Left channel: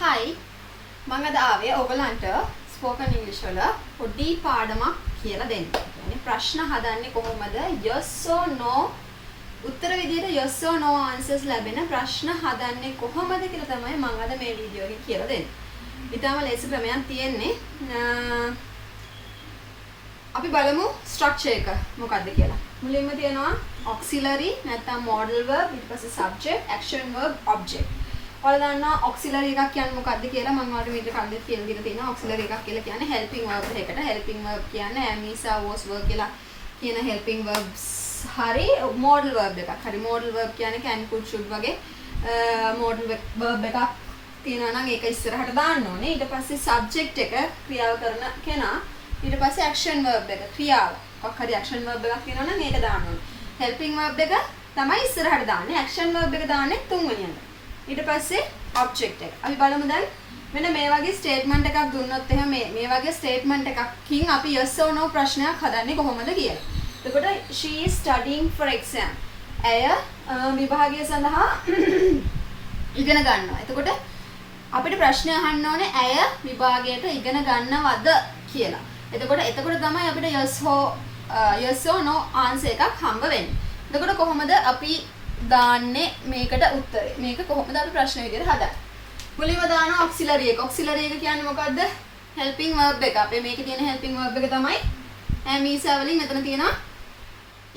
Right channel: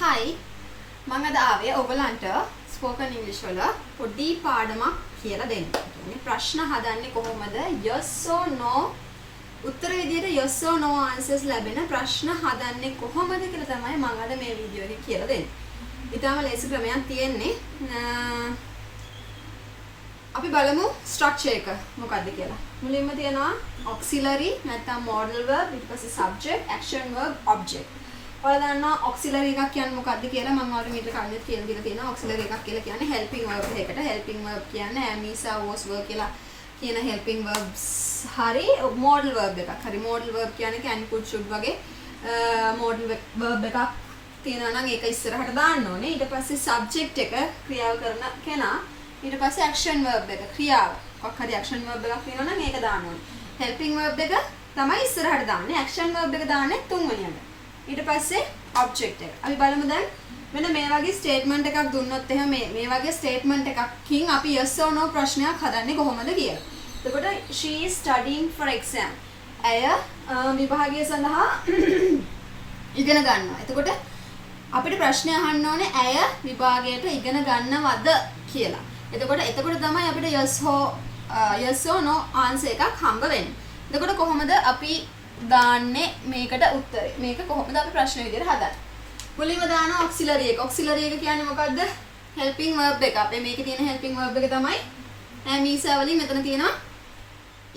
Hi, මම අද ආවේ ඔයගලන්ට ස්පෝකන් ඉංග්‍රීසි වල පොඩි පාඩමක් කියලා දෙන්න. يعني ප්‍රශ්න හදන්නේ කොහොමද? yes or no උත්තර විදියට yes or no answers ලැබෙන ප්‍රශ්න හදන්නේ කොහොමද කියලා තමයි මම අද මේ වීඩියෝ එකේ කියලා දෙන්නේ. ඊටම ලේසි ක්‍රමයක් තියෙන්නේ. අපි බලමු ස්ට්‍රක්චර් එක මොකක්ද කියලා. මුලින්ම තියෙනවා auxiliary නැත්නම් modal verb, ඊට පස්සේ subject, action verb, object. ඔයාලා දන්නවා auxiliary එකක් කියන්නේ මොකක්ද කියලා මම ඔයාලට මීට කලින් කියලා දීලා තියෙනවා. auxiliary එකක් කියලා කියන්නේ helping verb එකකට. helping verb කියන්නේ am, is, are, was, were කියලා කියන helping verbs. හරි modal verb එකක්. හරි modal verb කියන්නේ can, could, should වගේ modal verb එකක් තියෙනවා නම් ඒක ඉස්සරහට දාන්න ඕනේ. ඊට පස්සේ subject එක ක්‍රියාව කරන කෙනා. ඊට පස්සේ action verb එක ක්‍රියාව. මොකක් හරි action verb එකක් තියෙනවා නම් ඒක දාන්න ඕනේ. helping verb එක තමයි ඉස්සරහට දාන්නේ. action verb එක දාන්නේ තුන්වෙනියට. ඊට පස්සේ object එක. අපි බලමු දැන් මෙන්න මේ වගේ statement එකක් දුන්නොත් එහෙම මේ වගේ statement එකකින් අපි yes or no ප්‍රශ්නයක් හදන්නේ කොහොමද කියලා. එතකොට she is studying for exam. ඇය විභාගය සඳහා ඉගෙන ගන්නවා. එතකොට අපිට ප්‍රශ්නය අහන්න ඕනේ ඇය විභාගයට ඉගෙන ගන්නවද කියලා. එතකොට තමයි අපිට yes or no answer එකක් හම්බ වෙන්නේ. එතකොට කොහොමද අපි දාන්නේ මේකට උත්තරේ? මේක කොහොමද අපි ප්‍රශ්න විදිහට හදන්නේ? මුලින්ම දාන auxiliary එක. auxiliary එක කියන්නේ මොකද්ද? helping verb එක. අපේ මේකේ තියෙන helping verb එක තමයි am, is, are වලින් මෙතන තියෙනවා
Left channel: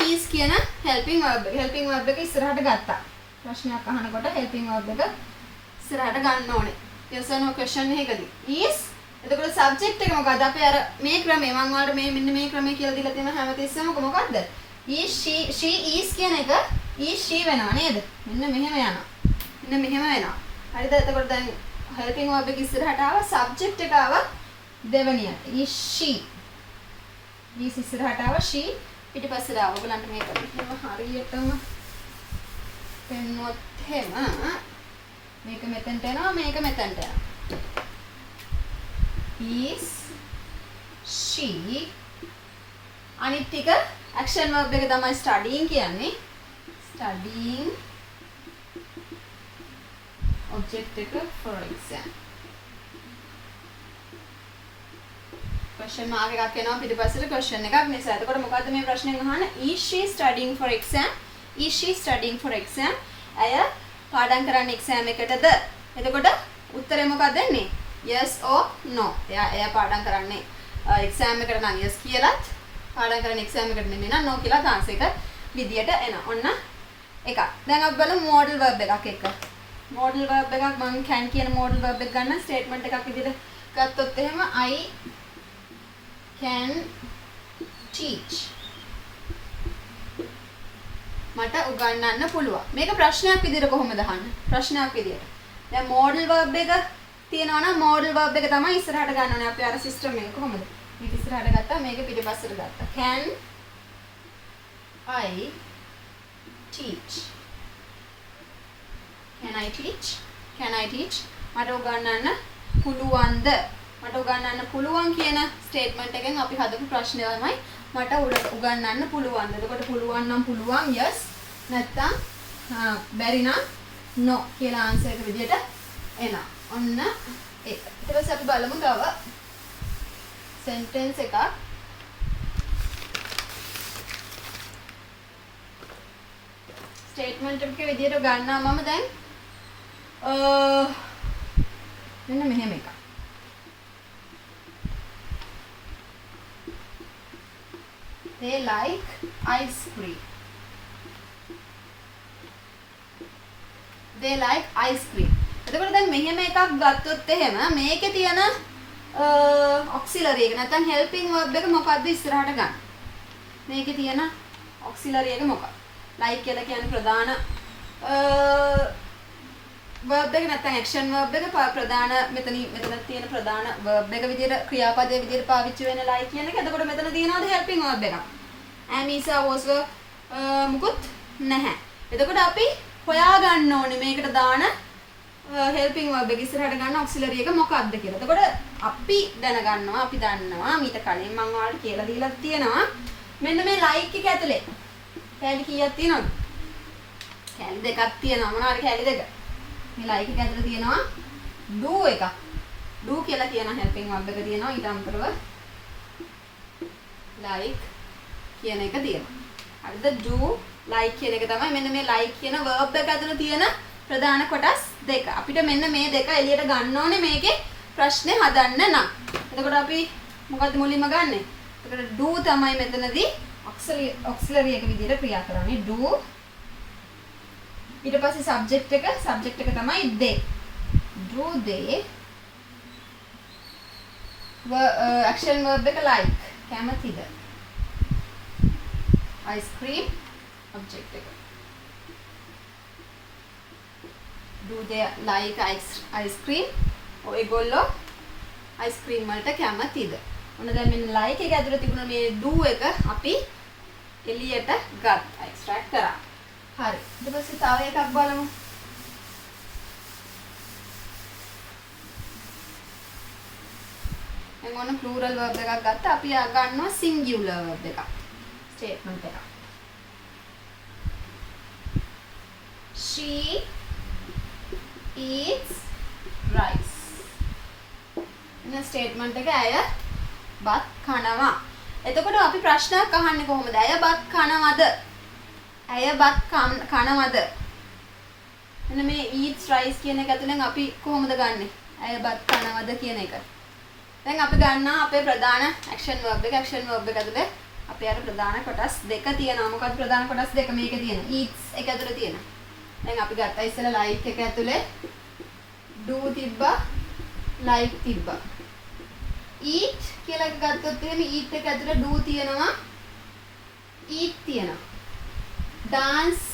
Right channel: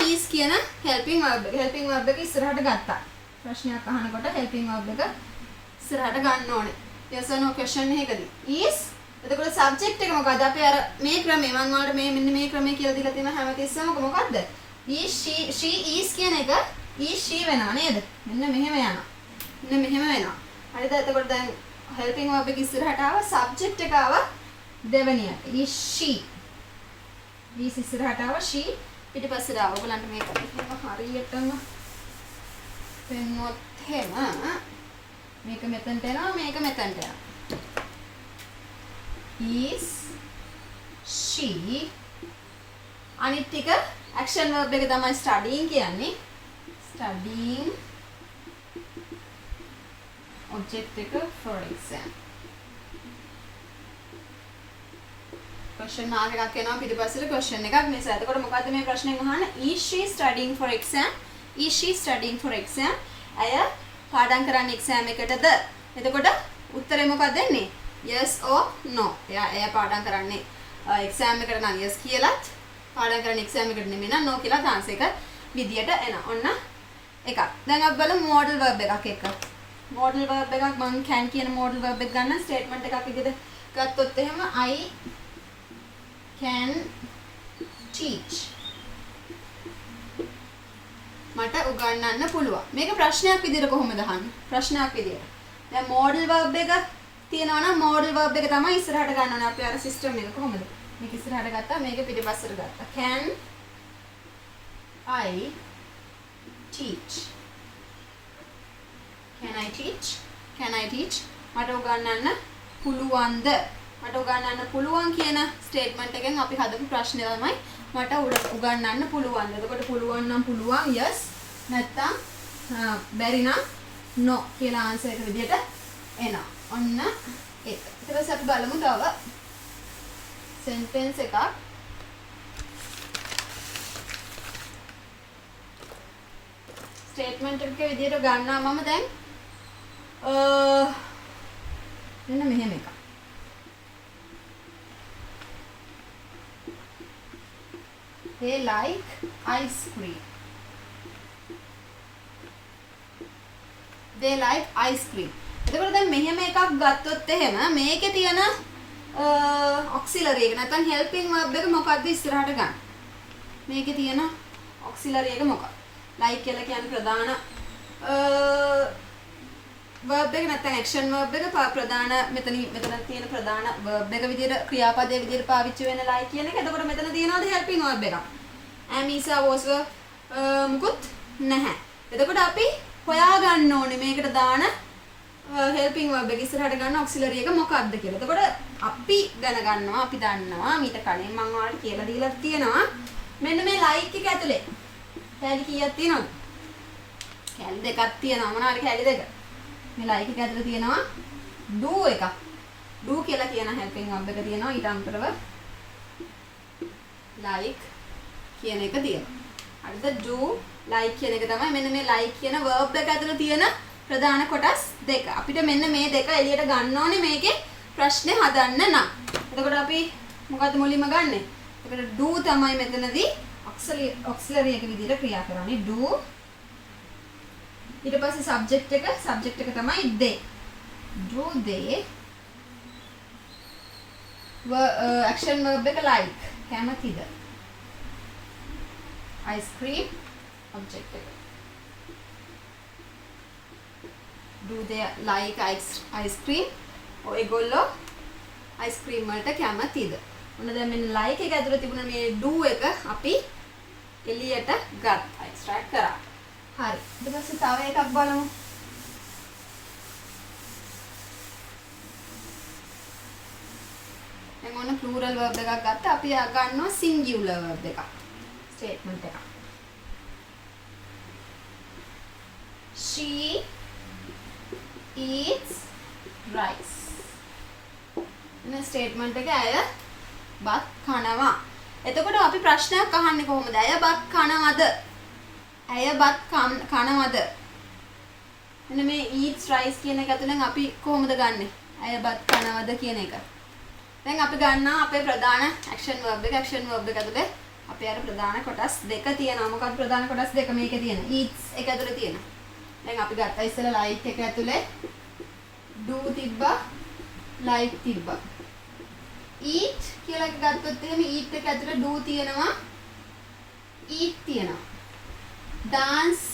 is කියන helping verb එක. helping verb එක ඉස්සරහට ගත්තා. ප්‍රශ්නයක් අහනකොට helping verb එක ඉස්සරහට ගන්න ඕනේ. yes or no question එකකදී. is එතකොට subject එක මොකද්ද? අපි අර මේ ක්‍රමේ මම ඔයාලට මෙන්න මේ ක්‍රමේ කියලා දීලා තියෙන හැමතිස්සෙම මොකද්ද? is, she is කියන එක is she වෙනවා නේද? මෙන්න මෙහෙම යනවා. මෙන්න මෙහෙම වෙනවා. හරිද? එතකොට දැන් helping verb එක ඉස්සරහට ආවා, subject එක ආවා දෙවෙනියට. is she. is ඉස්සරහට ආවා, she පිටිපස්සට ආවා. ඔයගලන්ට මේක මෙහෙම හරියටම පෙන්නුවොත් එහෙම මේක මෙතනට එනවා, මේක මෙතනට යනවා. is she අනිත් ටික action verb එක තමයි studying කියන්නේ. studying object එක for exam. question mark එකක් එනවා පිටිපස්සට question එකක් නිසා. එතකොට මොකද්ද මේ ප්‍රශ්නේ අහන්නේ? is she studying for exam? is she studying for exam? අය පාඩම් කරන්නේ exam එකටද? එතකොට උත්තරේ මොකක්ද දෙන්නේ? yes or no. එයා පාඩම් කරන්නේ exam එකට නම් yes කියලාත් පාඩම් කරන්නේ exam එකට නෙමෙයි නම් no කියලා answer එක විදියට එනවා. ඔන්න එකක්. දැන් අපි බලමු modal verb එකක් එක. modal verb එකක් මම can කියන modal verb එක ගන්න statement එකක් විදිහට ගත්තොත් එහෙම I can teach. මට උගන්වන්න පුළුවන්. මේක ප්‍රශ්නයක් විදිහට කොහොමද අහන්නේ? ප්‍රශ්නයක් විදිහට. දැන් modal verb එක තියෙනවා නම් modal verb එක තමයි ඉස්සරහට ගන්න ඕනේ. අපි අර system එක කොහොමද? මේක ඉස්සරහට ගත්තා, මේක පිටිපස්සට ගත්තා. Can I teach? Can I teach? Can I teach? මට උගන්වන්න පුළුවන්ද? මට උගන්වන්න පුළුවන් කියන ස්ටේට්මන්ට් එකෙන් අපි හදපු ප්‍රශ්නය තමයි මට උගන්වන්න පුළුවන්ද? එතකොට පුළුවන් නම් පුළුවන් yes, නැත්නම් බැරි නම් no කියලා ආන්සර් එක විදියට එනවා. ඔන්න ඒක. ඊට පස්සේ අපි බලමු තව sentence එකක්. ස්ටේට්මන්ට් එකක විදියට ගන්නවා මම දැන් මෙන්න මෙහෙම එකක්. They like ice cream. They like ice cream. එතකොට දැන් මෙහෙම එකක් ගත්තොත් එහෙම මේකේ තියෙන auxiliary එක නැත්නම් helping verb එක මොකද්ද ඉස්සරහට ගන්න? මේකේ තියෙන auxiliary එක මොකක්ද? like කියලා කියන්නේ ප්‍රධාන verb එක නැත්නම් action verb එක ප්‍රධාන මෙතන තියෙන ප්‍රධාන verb එක විදිහට ක්‍රියාපදයේ විදිහට පාවිච්චි වෙන like කියන එක. එතකොට මෙතන තියෙනවද helping verb එකක්? am, is, are, was, were මුකුත් නැහැ. එතකොට අපි හොයා ගන්න ඕනේ මේකට දාන helping verb එක ඉස්සරහට ගන්න auxiliary එක මොකක්ද කියලා. එතකොට අපි දැනගන්නවා, අපි දන්නවා මීට කලින් මම ඔයාලට කියලා දීලා තියෙනවා මෙන්න මේ like එක ඇතුලේ කැලි කීයක් තියෙනවද? කැලි දෙකක් තියෙනවා. මොනවාද කැලි දෙක? මේ like එක ඇතුලේ තියෙනවා do එක. do කියලා කියන helping verb එක තියෙනවා ඊට අමතරව like කියන එක තියෙනවා. හරිද? do like කියන එක තමයි මෙන්න මේ like කියන verb එක ඇතුළේ තියෙන ප්‍රධාන කොටස් දෙක. අපිට මෙන්න මේ දෙක එළියට ගන්න ඕනේ මේකේ ප්‍රශ්නේ හදන්න නම්. එතකොට අපි මොකද්ද මුලින්ම ගන්නෙ? එතකොට do තමයි මෙතනදී auxiliary එක විදිහට ක්‍රියා කරන්නේ. do ඊට පස්සේ subject එක තමයි they. do they action verb එක like කැමතිද? ice cream object එක. do they like ice cream? ඔයගොල්ලෝ ice cream වලට කැමතිද? ඔන්න දැන් මෙන්න like එක ඇතුළේ තිබුණ මේ do එක අපි එළියට ගත්තා extract කරා. හරි. ඊට පස්සේ තව එකක් බලමු. දැන් ඔන්න plural verb එකක් ගත්තා. අපි ගන්නවා singular verb එකක්. statement එකක්. She eats rice. එන statement එක ඇය බත් කනවා. එතකොට අපි ප්‍රශ්නයක් අහන්නේ කොහොමද? ඇය බත් කනවද? ඇය බත් කනවද? මෙන්න මේ eats rice කියන එක ඇතුලෙන් අපි කොහොමද ගන්නෙ? ඇය බත් කනවද කියන එක. දැන් අපි ගන්නවා අපේ ප්‍රධාන action verb එක. action verb එක ඇතුලේ අපේ අර ප්‍රධාන කොටස් දෙක තියෙනවා. මොකක්ද ප්‍රධාන කොටස් දෙක මේකේ තියෙන? eats එක ඇතුලේ තියෙන. දැන් අපි ගත්තා ඉස්සෙල්ලා like එක ඇතුලේ do තිබ්බා like තිබ්බා. eat කියලා ගත්තොත් එහෙම eat එක ඇතුලේ do තියෙනවා eat තියෙනවා. dance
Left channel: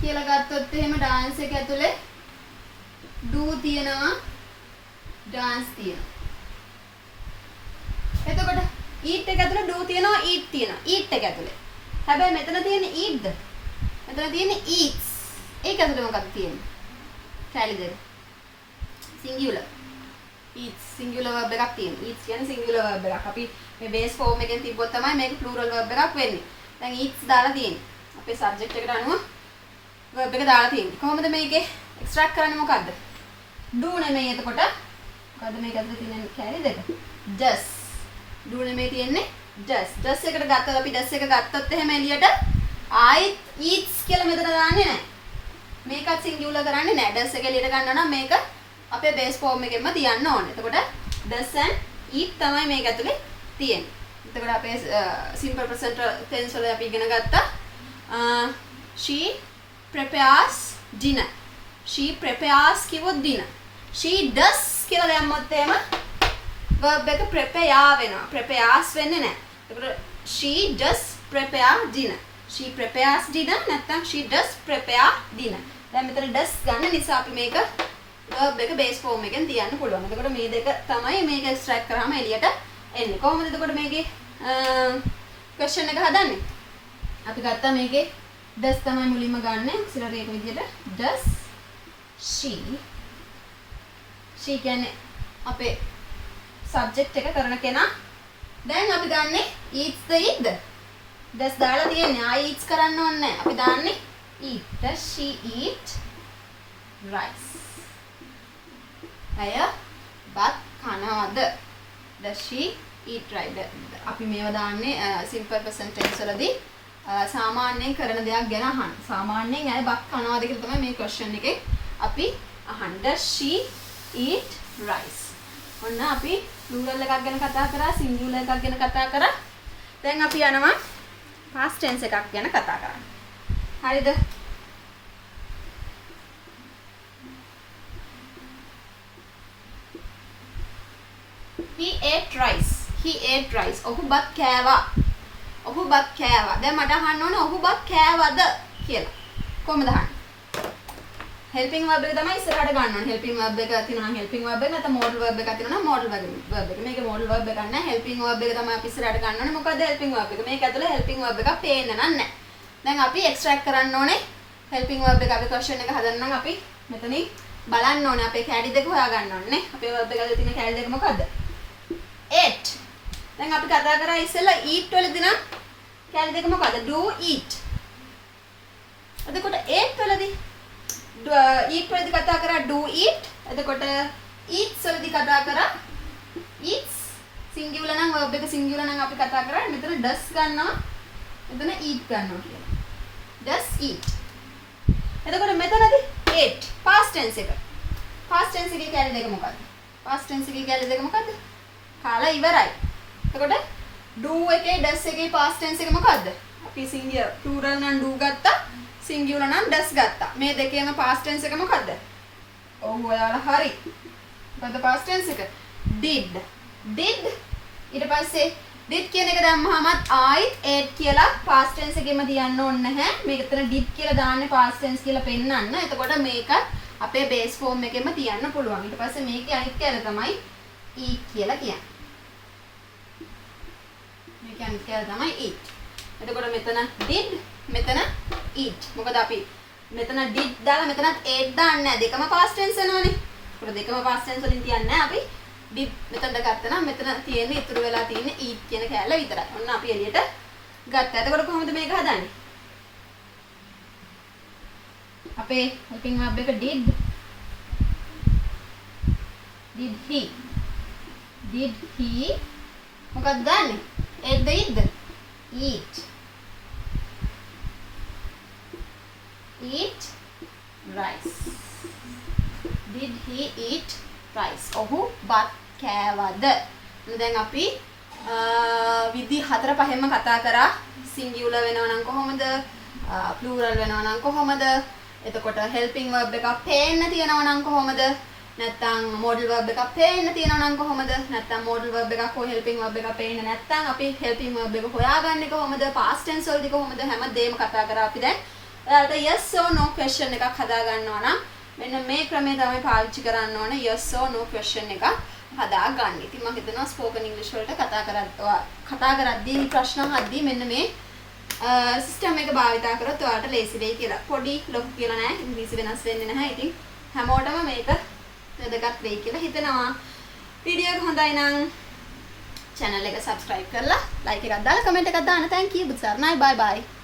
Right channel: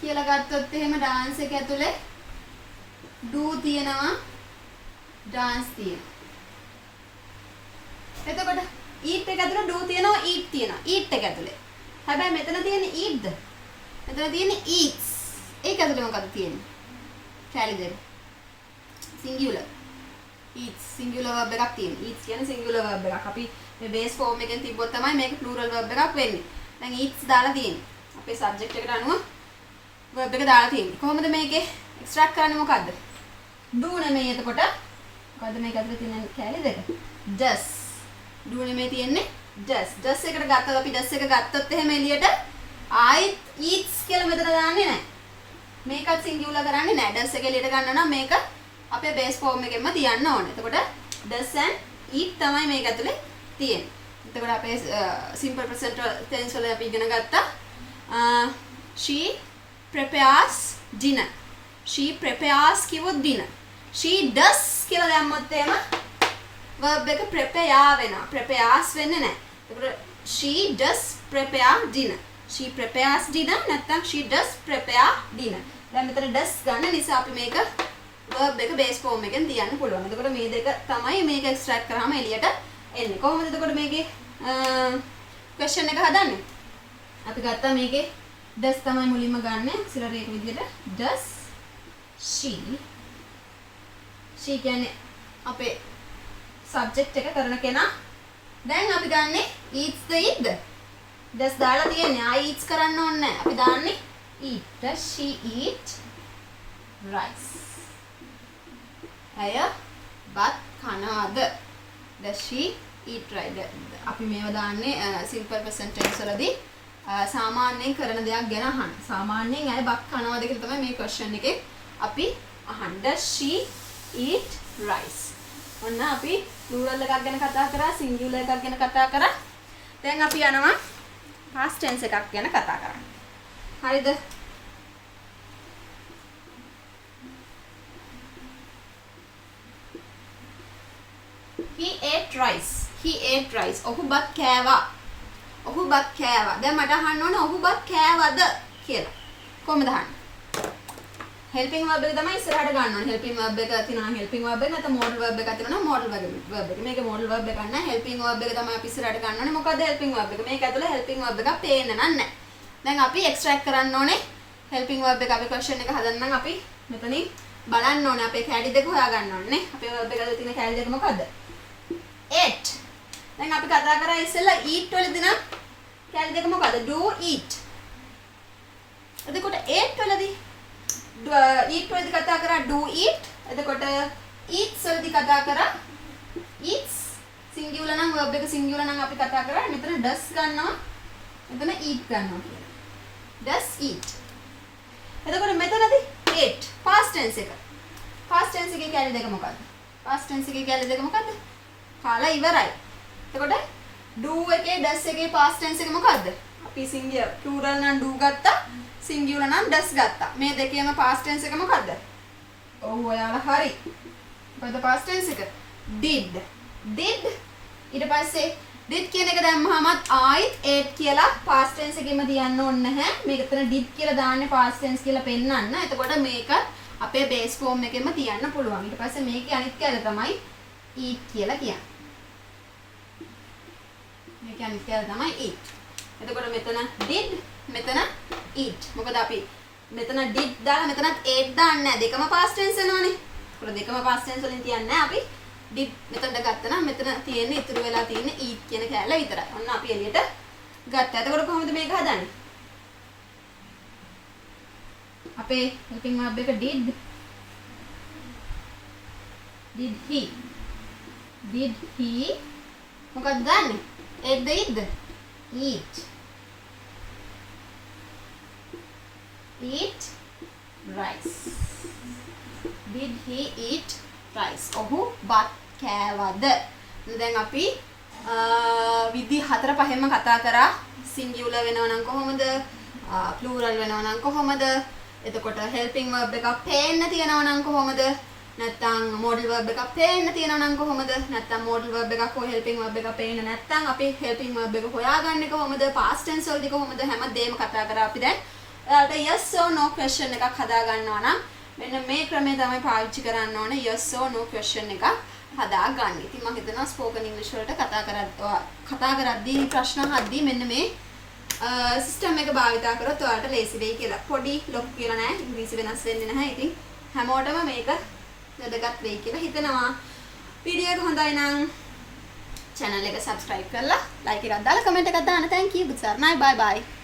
කියලා ගත්තොත් එහෙම dance එක ඇතුලේ do තියෙනවා dance තියෙනවා. එතකොට eat එක ඇතුලේ do තියෙනවා eat තියෙනවා. eat එක ඇතුලේ. හැබැයි මෙතන තියෙන්නේ eatද? මෙතන තියෙන්නේ eats. ඒක ඇතුලේ මොකක්ද තියෙන්නේ? කැලි දෙක. singular. eats singular verb එකක් තියෙනවා. eats කියන්නේ singular verb එකක්. අපි මේ base form එකෙන් තිබ්බොත් තමයි මේක plural verb එකක් වෙන්නේ. දැන් eats දාලා තියෙන්නේ. අපේ subject එකට අනුව verb එක දාලා තියෙන්නේ. කොහොමද මේකේ extract කරන්නේ මොකද්ද? do නෙමෙයි එතකොට. මොකද්ද මේක ඇතුලේ තියෙන කැලි දෙක? does. do නෙමෙයි තියෙන්නේ does. does එකට ගත්තොත් අපි does එක ගත්තොත් එහෙම එළියට eats කියලා මෙතන දාන්නේ නැහැ. මේකත් singular කරන්නේ නැහැ. does එක එළියට ගන්න නම් මේක අපේ base form එකෙන්ම තියන්න ඕනේ. එතකොට does and eat තමයි මේක ඇතුලේ තියෙන්නේ. එතකොට අපේ simple present tense වල අපි ඉගෙන ගත්තා she prepares dinner. she prepares කිව්වොත් dinner. she does කියලා දැම්මොත් එහෙම verb එක prepare වෙනවා. prepares වෙන්නේ නැහැ. එතකොට she does prepare dinner. she prepares dinner නැත්නම් she does prepare dinner. දැන් මෙතන does ගන්න නිසා අපි මේක verb එක base form එකෙන් තියන්න පුළුවන්. එතකොට මේ දෙක තමයි මේක extract කරාම එළියට එන්නේ. කොහොමද එතකොට මේකේ question එක හදන්නේ? අපි ගත්තා මේකේ does තමයි මුලින්ම ගන්න. auxiliary එක විදිහට does she කියන්නේ අපේ subject එක කරන කෙනා. දැන් අපි ගන්නේ eats the eat. does දාලා තියෙන්නේ. eats කරන්න ඕනේ නැහැ. අපි දාන්නේ eat. does she eat rice? ඇය බත් කනවද? does she eat rice? අපි මේවා දාන්නේ simple present tense වලදී සාමාන්‍යයෙන් කරන දෙයක් ගැන අහන්න. සාමාන්‍යයෙන් ඇය බත් කනවද කියලා තමයි මේ question එකේ අපි අහන්නේ. does she eat rice? ඔන්න අපි plural එකක් ගැන කතා කරා, singular එකක් ගැන කතා කරා. දැන් අපි යනවා past tense එකක් ගැන කතා කරන්න. හරිද? he ate rice. he ate rice. ඔහු බත් කෑවා. ඔහු බත් කෑවා. දැන් මට අහන්න ඕනේ ඔහු බත් කෑවද කියලා. කොහොමද අහන්නේ? helping verb එක තමයි ඉස්සරහට ගන්න ඕනේ. helping verb එක තියෙනවා helping verb එක නැත්නම් modal verb එකක් තියෙනවා modal verb එක. මේක modal verb එකක් නෑ. helping verb එක තමයි අපි ඉස්සරහට ගන්න ඕනේ. මොකද helping verb එක. මේක ඇතුලේ helping verb එකක් පේන්න නෑ. දැන් අපි extract කරන්න ඕනේ helping verb එක. අපි question එක හදන්න නම් අපි මෙතනින් බලන්න ඕනේ අපේ කැලි දෙක හොයා ගන්න ඕනේ නේ. අපේ verb එක ඇතුලේ තියෙන කැලි දෙක මොකද්ද? ate. දැන් අපි කතා කරා ඉස්සෙල්ලා eat වලදී නම් කැලි දෙක මොකද්ද? do eat. එතකොට ate වලදී eat වලදී කතා කරා do eat. එතකොට eats වලදී කතා කරා eats singular නම් verb එක singular නම් අපි කතා කරා මෙතන does ගන්නවා. මෙතන eat ගන්නවා කියලා. does eat. එතකොට මෙතනදී ate past tense එක. past tense එකේ කැලේ දෙක මොකද්ද? past tense එකේ කැලේ දෙක මොකද්ද? කාලා ඉවරයි. එතකොට do එකේ does එකේ past tense එක මොකද්ද? අපි singular plural නම් do ගත්තා, singular නම් does ගත්තා. මේ දෙකේම past tense එක මොකද්ද? ඔව් ඔයාලා හරි. මොකද්ද past tense එක? did. did ඊට පස්සේ did කියන එක දැම්මහමත් ආයිත් ate කියලා past tense එකෙම තියන්න ඕනේ නැහැ. මේක එතන did කියලා දාන්නේ past tense කියලා පෙන්නන්න. එතකොට මේක අපේ base form එකෙම තියන්න පුළුවන්. ඊට පස්සේ මේකේ අනිත් කැල තමයි eat කියලා කියන්නේ. මේකේ අනිත් කැල තමයි eat. එතකොට මෙතන did මෙතන eat. මොකද අපි මෙතන did දාලා මෙතනත් ate දාන්නේ නැහැ. දෙකම past tense වෙනවනේ. ඒකට දෙකම past tense වලින් තියන්නේ නැහැ අපි. did මෙතනට ගත්තා නම් මෙතන තියෙන්නේ ඉතුරු වෙලා තියෙන්නේ eat කියන කැල විතරයි. ඔන්න අපි එළියට ගත්තා. එතකොට කොහොමද මේක හදන්නේ? අපේ helping verb එක did he මොකක්ද ගන්නෙ? ate the eat rice. did he eat rice? ඔහු බත් කෑවද? දැන් අපි විදි 4-5ම කතා කරා. singular වෙනවා නම් කොහොමද? plural වෙනවා නම් කොහොමද? එතකොට helping verb එකක් පේන්න තියනවා නම් කොහොමද? නැත්නම් modal verb එකක් පේන්න තියනවා නම් කොහොමද? නැත්නම් modal verb එකක් හෝ helping verb එකක් පේන්න නැත්නම් අපි helping verb එක හොයාගන්නේ කොහොමද? past tense වලදී කොහොමද? හැමදේම කතා කරා අපි දැන්. ඔයාලට yes or no question එකක් හදා ගන්නවා නම් මෙන්න මේ ක්‍රමය තමයි පාවිච්චි කරන්න ඕනේ yes or no question එකක් හදා ගන්න. ඉතින් මම හිතනවා spoken english වලට කතා කරද්දී ප්‍රශ්න අහද්දී මෙන්න මේ සිස්ටම් එක භාවිතා කරොත් ඔයාලට ලේසි වෙයි කියලා. පොඩි ලොකු කියලා නෑ. ඉංග්‍රීසි වෙනස් වෙන්නේ නැහැ. ඉතින් හැමෝටම මේක වැදගත් වෙයි කියලා හිතනවා. වීඩියෝ එක හොඳයි නම් channel එක subscribe කරලා like එකක් දාලා comment එකක් දාන්න. thank you. බුත් සරණයි. bye bye.